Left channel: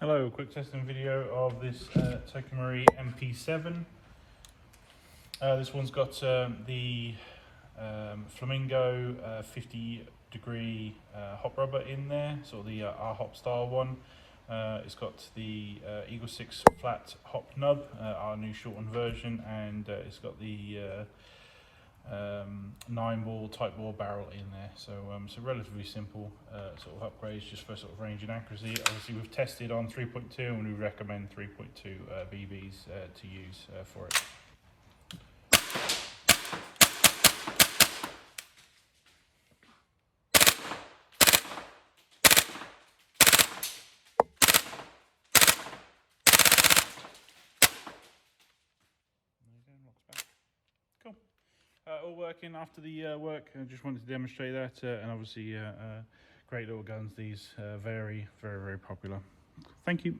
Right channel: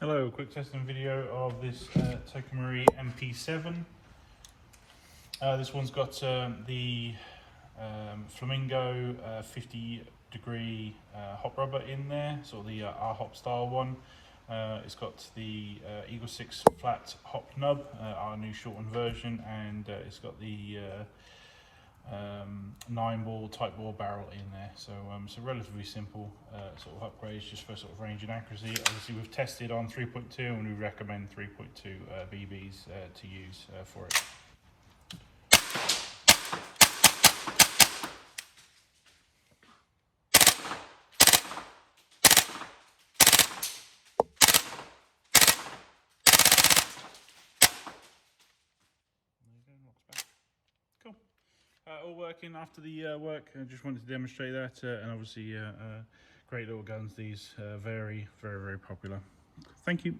Hello, a quick testing video of this TM MP7. This one's got the Flamingo 50-degree hop rubber in there, sort of the R-Hop style one. It's got the EagleSix Flat Hop Nub, our new shortened version, and it's got the Nineball type bore barrel in there. So so relatively simple sort of upgrades just for sort of range and accuracy. Obviously we've tested on 3.2 and we recommend 3.2 BBs to use for it. Cool. All working after the work. I just wanted to demonstrate that, and obviously great little guns. These very popular. Thank you.